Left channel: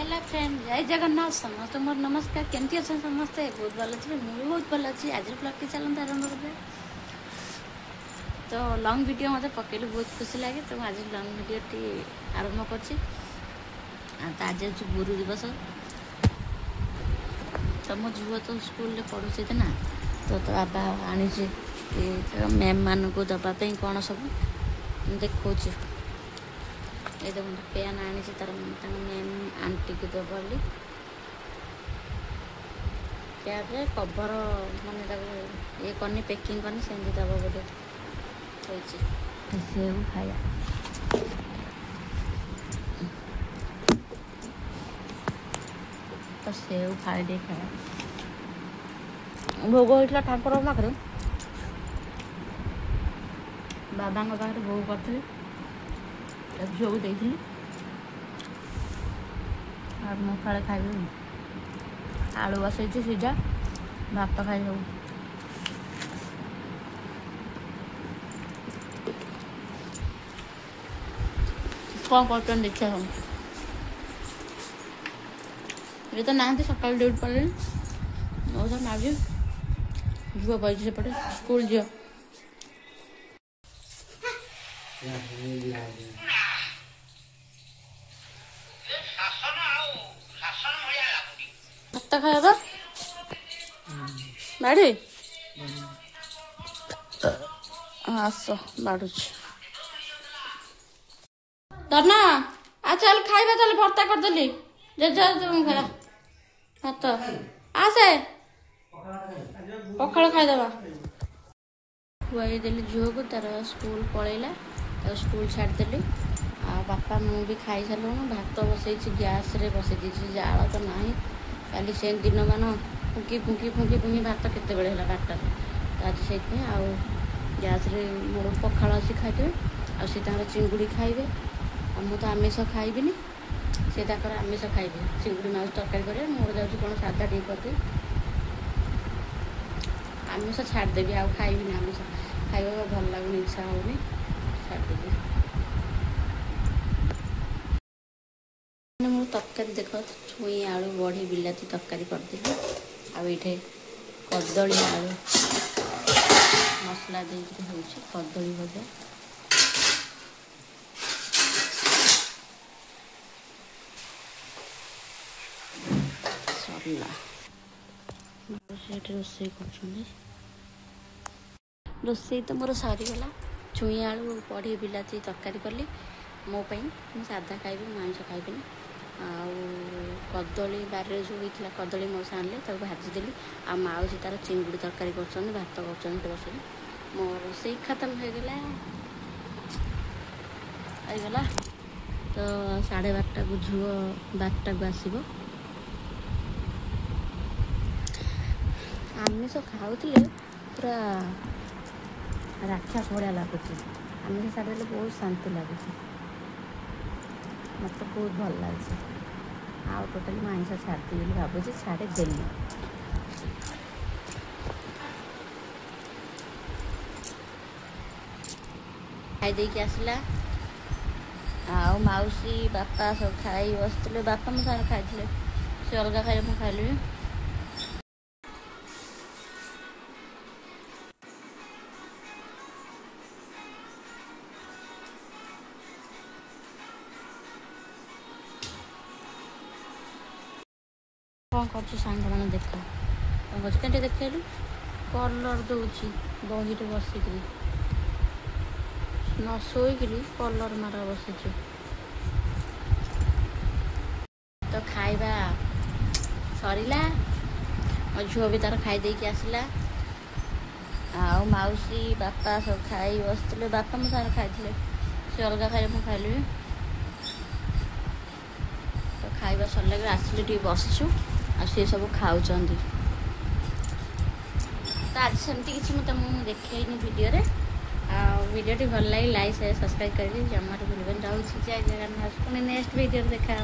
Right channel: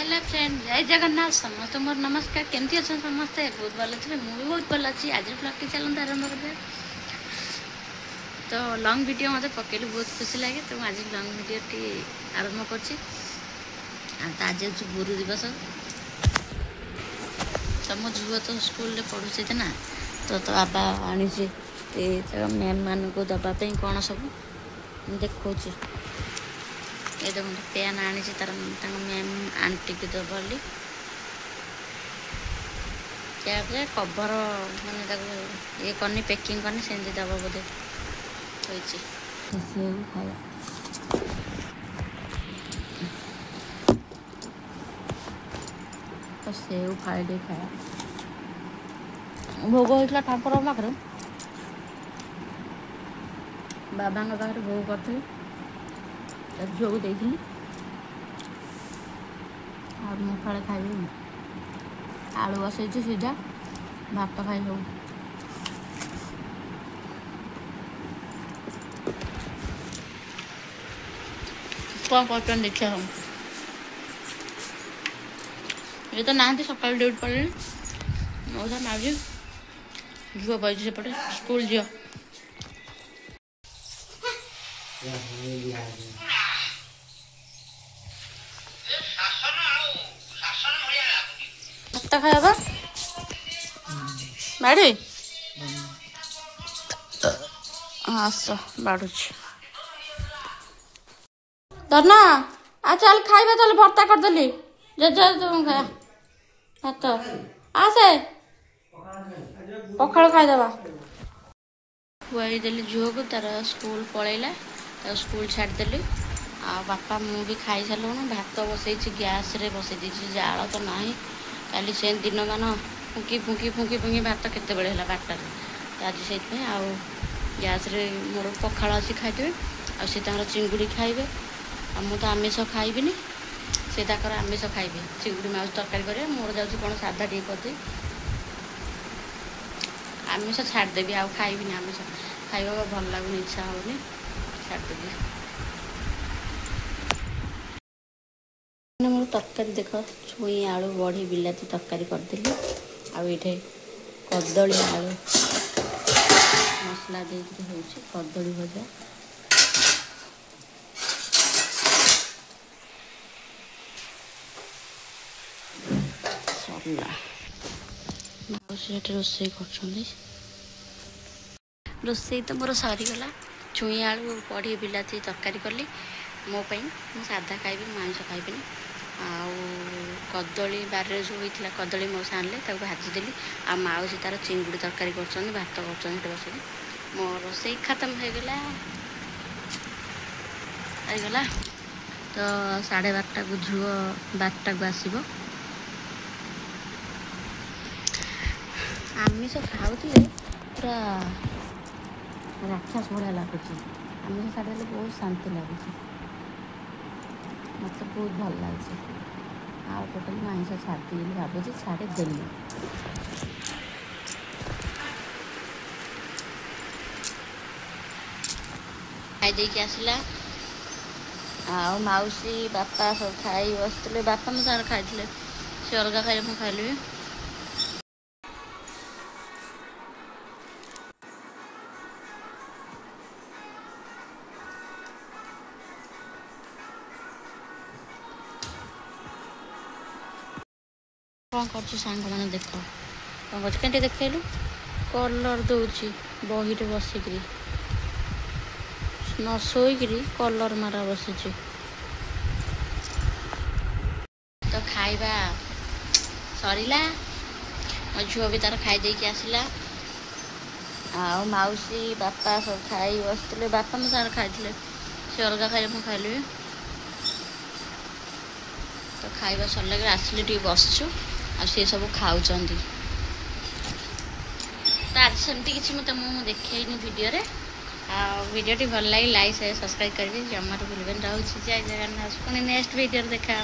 Hello friend जय जगन्नाथ समस्त मोर नमस्कार केमती अच्छा समस्ते बहुत भल थे मुझे बहुत भल अच्छी आज ब्लॉग टी चलता आरंभ कर तो लंग वीडियो मत पकेलु बहुत खुशी लगे तो आज लंग वीडियो टी आरंभ कर गुरु दिवस तो मो झुआ तो स्कूल पढ़ुचे ना तो बाबा आनी मैम मान को दवाई कौन सब देखा ये देखो पेन आनी तार मैम आंटी की दबली क्या कभर माने ये करनी पैकिंग करनी सेमती दब बोधे सेव खाया तो सेव फाड़ी खाया भोग होता ठाकुर पाखे बाबा पाखे भोग करी झील को देती मुखाड़े खाइबी आलू बसई सीझा भात खाई सब कौन कर देखिए हम ये तो ना सकाल ड्यूटी पड़े मौसा मार्जी झुआ बजे सेपटे स्कूल झील भात खाଇବା ବାଡ଼ି ଆସ ବାଡ଼ୁଛି ଧନ ଆ ଚାଲ ଖାଇବା ତାହେଲେ ଭର୍ତ୍ତା କରିଦେଲି ଜେଜେ ଖାଇବା ଭାତ ଆସେ ପଖାଳ ଖାଇଦେବା ଖୁଆଇଦେଲି ଝିଅକୁ ତାର ସ୍କୁଲ ପଳେଇଲା ତାକୁ ସ୍କୁଲ ଛାଡ଼ିଦେଲି ଆଉ ବାପା ମୁଁ ବି ଖାଇସାରିଲୁଣି ଭାତ ବସେଇଛି ଗ୍ୟାସ୍ରେ ବସେଇ ଦେଇଛି ଜାଳ ତ ନାହିଁ କାଲି ସେ दिन मान फुंकी फुंकी फुंकी फुंकी भात केतेबेले है 12 तो आज से आउ गैस रे मोर पखाड़ अच्छी खाइबे आ चिंगुड़ी खाइबे आ मु तो आमिष खाइबिनी से आमिष खाइबे चिंगुड़ी माउस तरकारी करे मोर जाऊँ कौन साधा टी करदे आमिष छाड़देवी आउ खाइबिनी आमिष खाइबा भल लगुनि इच्छा होनी छाड़देवी मोर तरकारी देख छुई आलू बड़ी बिलाती तरकारी करदेली आठे कदली आलू मसला देकर हो कदली भजा सरला रोसे रोसे तो मोर सरीगला छुई आलू बड़ी बिलाती तरकारी कली मोपाई मु साधा खाइबी मांस खाइबिनी आउ कदली बारे जो होता कदली मौसा आनले भाजीदेली आ माउसी तार चिंगुड़ी तरकारी कर भात कर बस मो रोसे खत्म होगला तो 12:30 को झुआ 12टा को आसब आमिष खाऊले पूरा राक्षस भाया लगुच आमिष छाड़देले बहुत शांति लगुच मत बहुत भल लगे आउ टोटाली मांस छाड़ी भावुँ छाड़देली खाई आसला आउ मौसी बापा सब खाई बसते बापा मो सारे खाई से अलग खाई मुझे खाइली कौन कर सांग मैंने देख कौन कर देखलु कलर दौची बही बसिक न शोक कलर मारा बसी तो खाइबा सरला झुआ भी तार खाई आसला आउ मौसी बापा सब खाई बसते बापा मो सारे खाई से अलग खाई मुझे खाइली तो खाइबा सरला आसिले टी बसचु आ सी सब खाऊँ तो आज सेमती किसी मत मुझे देखनी वीडियो रे वीडियो भल लगे लाइक शेयर सब्सक्राइब करेंगे जमा भूल रोचे जय जगन्नाथ पुणी नेक्स्ट वीडियो देखा।